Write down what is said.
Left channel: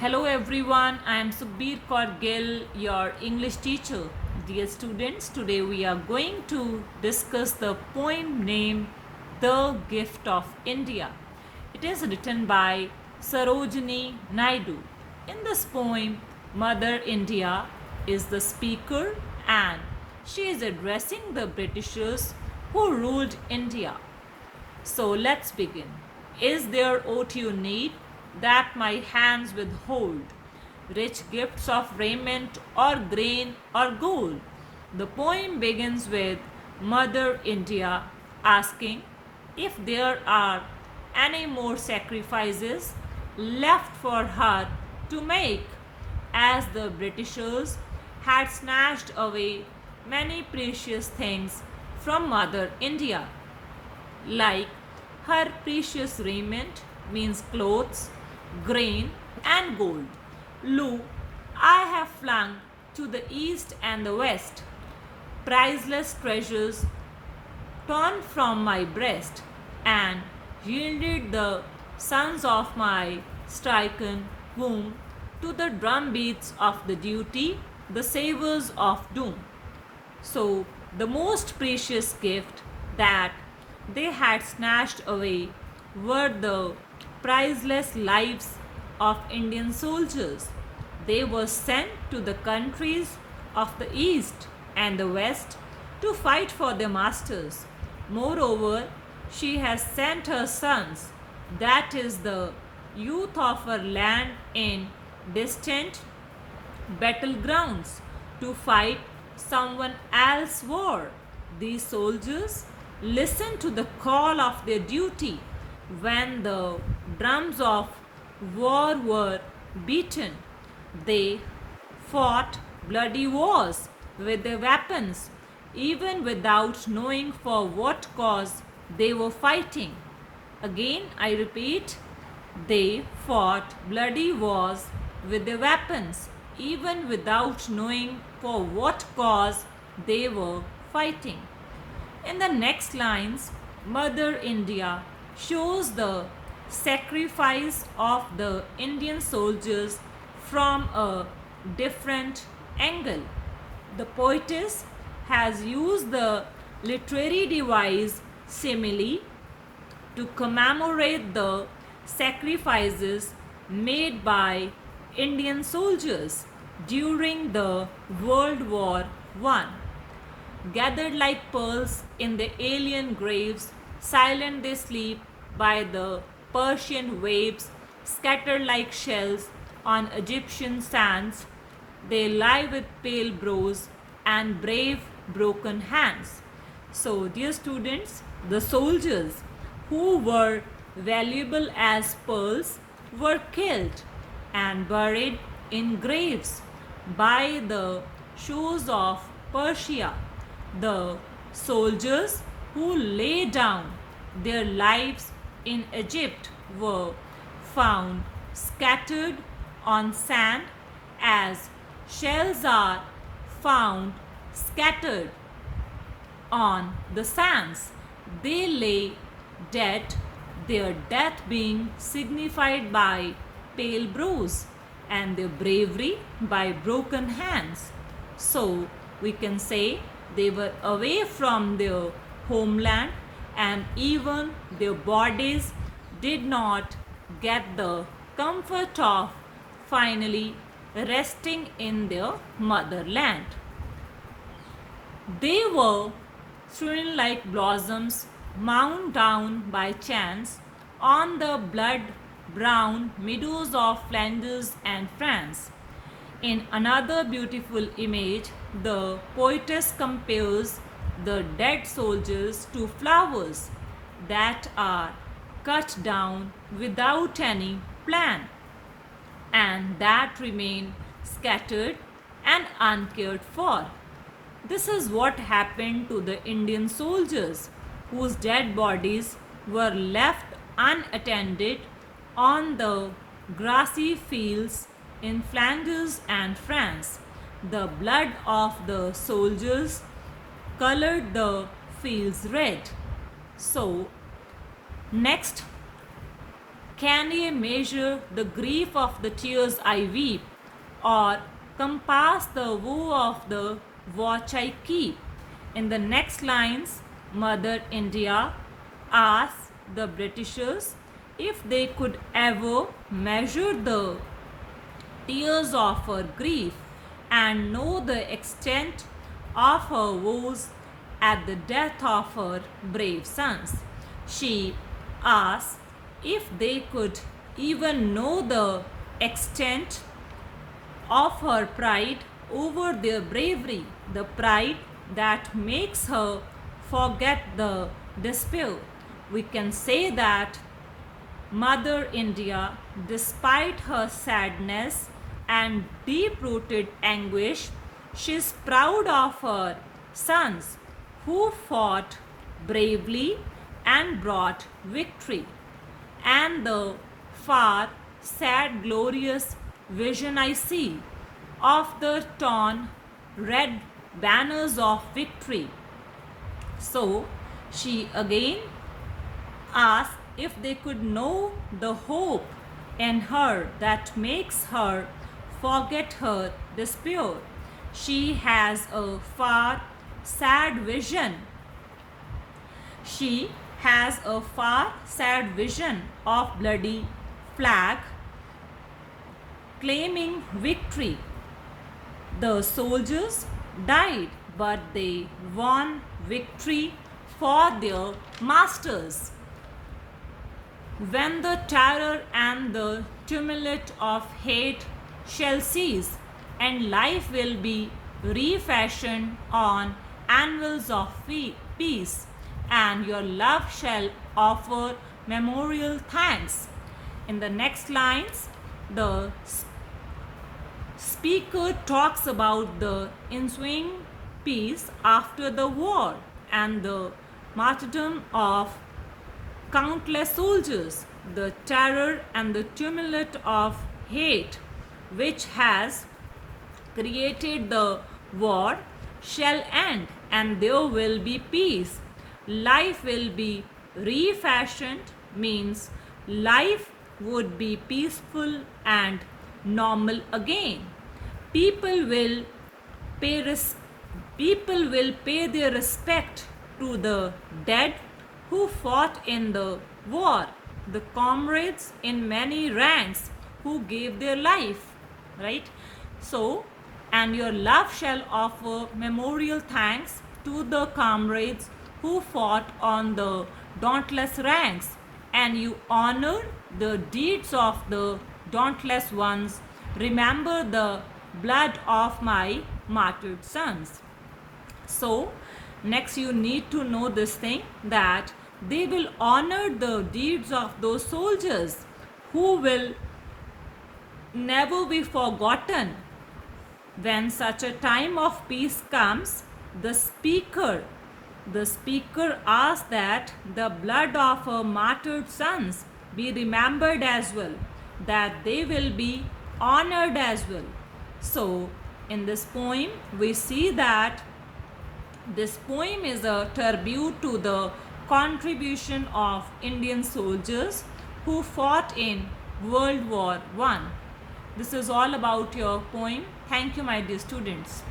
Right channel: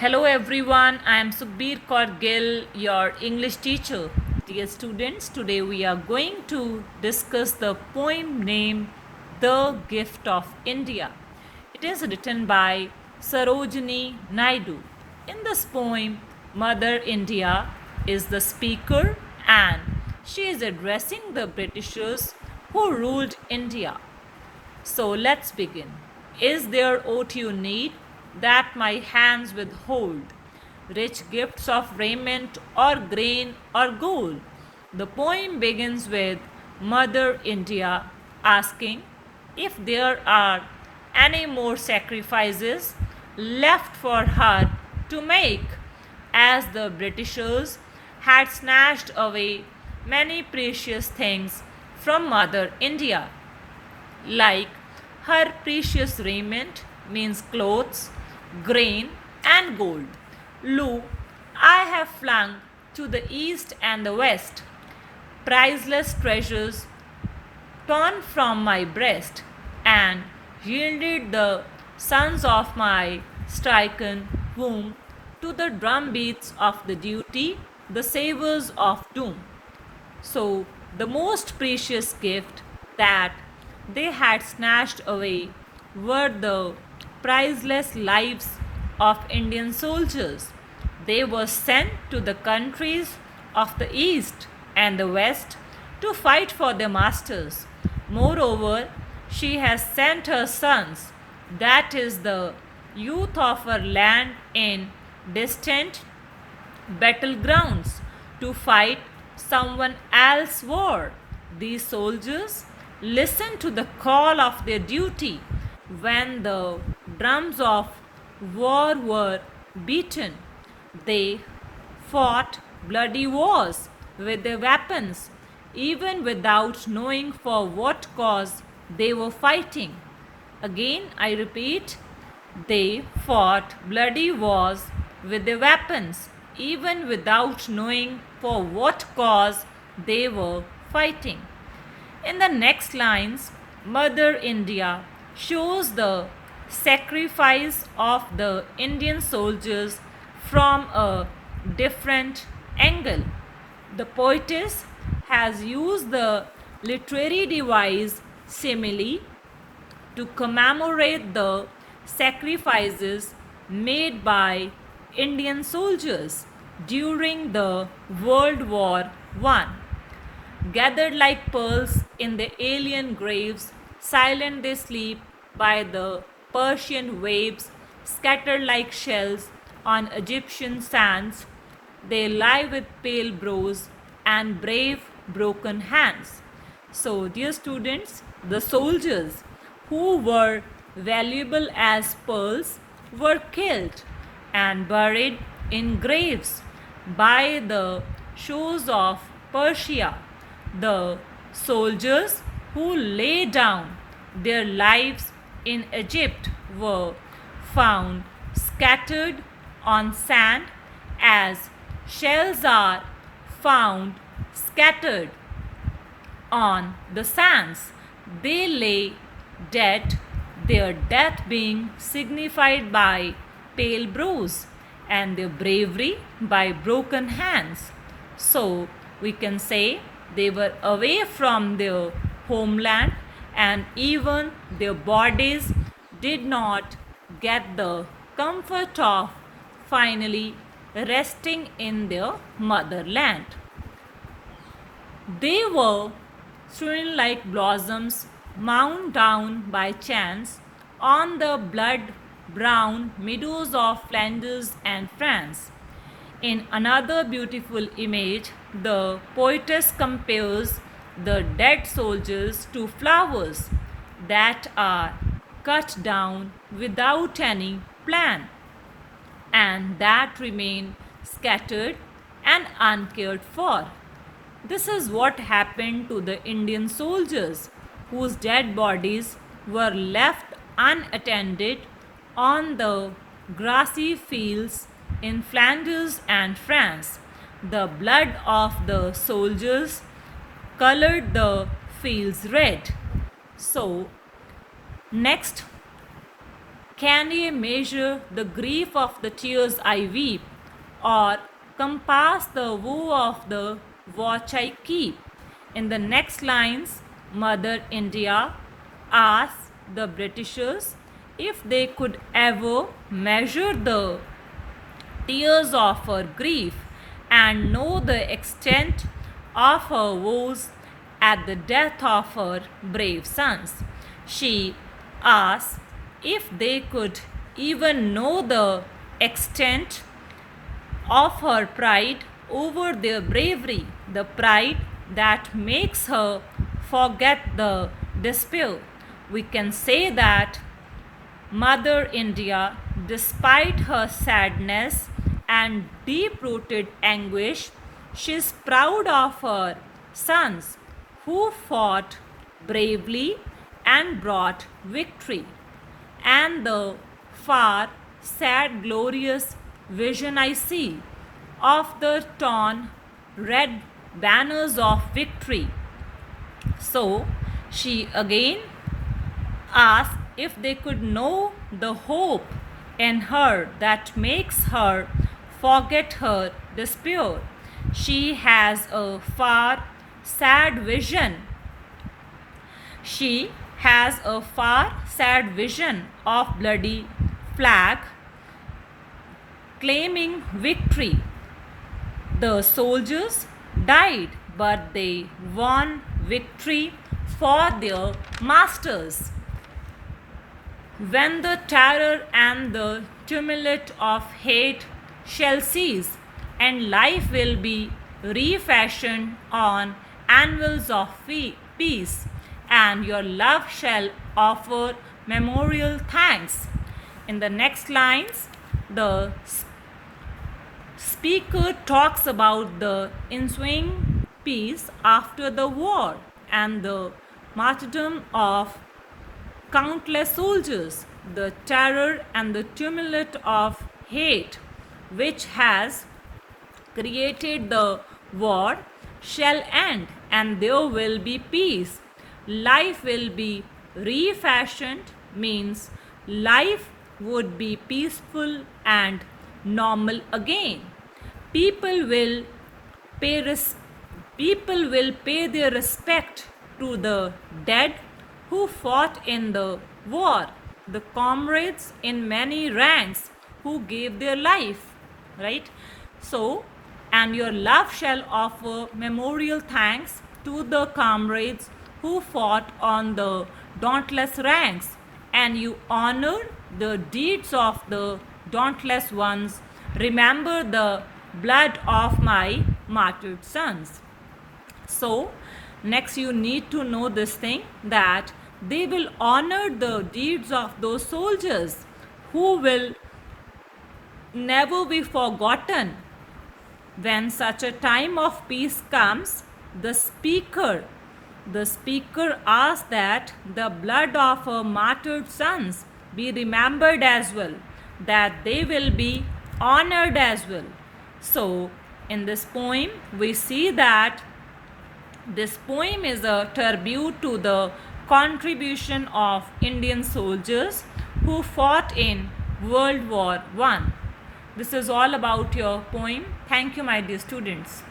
Hello everyone, I am Sukhbir Kaur Gill, your English teacher. Dear students, today we are going to discuss the poem named The Gift of India. It is written by Sarojini Naidu. In this poem, Mother India is the speaker and she is addressing the Britishers who ruled India. So let's begin. Is there aught you need that my hands withhold? Rich gifts of raiment or grain or gold? The poem begins with Mother India asking if there are any more sacrifices left for her to make, as the Britishers had snatched away many precious things from Mother India like her precious raiment means clothes, grain, and gold. Lo, I have flung to the east and the west priceless treasures torn from my breast, and yielded the sons of my stricken womb to the drum beats of the duty, the savors of doom. So, the most precious gift that they had snatched away were the priceless lives of Indian soldiers. They were sent to the countries of the East and the West to fight for their masters. Moreover, she has sent her sons, that is, the youth of her land, in distant battlegrounds to fight someone else's war. These soldiers listened to the call of their duty when the drums of war were beaten. They fought bloody wars with their weapons, even without knowing for what cause they were fighting. Again, I repeat, they fought bloody wars with their weapons, even without knowing for what cause they were fighting. In the next lines, Mother India shows the sacrifice of the Indian soldiers from a different angle. The poetess has used the literary device simile to commemorate the sacrifices made by Indian soldiers during the World War I. Gathered like pearls in the alien graves, silent they sleep by the Persian waves, scattered like shells on Egyptian sands. They lie with pale brows and brave broken hands. So, dear students, the soldiers who were valuable as pearls were killed and buried in graves by the shores of Persia. The soldiers who lay down their lives in Egypt were found scattered on sand as shells are found scattered on the sands. They lay dead, their death being signified by pale brows and their bravery by broken hands. So we can say they were away from their homeland and even their bodies did not get the comfort of finally resting in their motherland. They were strewn like blossoms mown down by chance on the blood brown meadows of Flanders and France. In another beautiful image, the poetess compares the dead soldiers to flowers that are cut down without any plan and that remain scattered and uncared for. This is what happened to the Indian soldiers whose dead bodies were left unattended on the grassy fields in Flanders and France. The blood of the soldiers colored the fields red. So, next, Can ye measure the grief of the tears I weep, or compass the woe of the watch I keep? In the next lines, Mother India asks the Britishers if they could ever measure the tears of her grief and know the extent of her woes at the death of her brave sons. She asked if they could even know the extent of her pride over their bravery, the pride that makes her forget the despair. We can say that Mother India, despite her sadness and deep rooted anguish, she is proud of her sons who fought bravely and brought victory. And the far, sad, glorious vision I see of the torn red banners of victory. So she again asked if they could know the hope in her that makes her forget her despair. She has a far, sad vision. She has a far, sad vision of bloody flag claiming victory. The soldiers died, but they won victory for their masters. When the terror and the tumult of hate shall cease, and life will be refashioned on anvils of peace, and your love shall offer memorial thanks. In the next lines, the speaker talks about the ensuing peace after the war and the martyrdom of countless soldiers, the terror and the tumult of hate which has created the war shall end, and there will be peace. Life will be refashioned means life would be peaceful and normal again. People will pay their respect to the dead who fought in the war, the comrades in many ranks who gave their life, right? So, and your love shall offer memorial thanks to the comrades who fought on the dauntless ranks, and you honor the deeds of the dauntless ones. Remember the blood of my martyred sons. So, next you need to know this thing, that they will honor the deeds of those soldiers who will never be forgotten. When such a time of peace comes, the speaker asks that the blood of her martyred sons be remembered as well, that they will be honored as well. So, in this poem, we see that this poem is a tribute to the contribution of Indian soldiers who fought in World War I. This is all about your poem. Thank you, my dear students.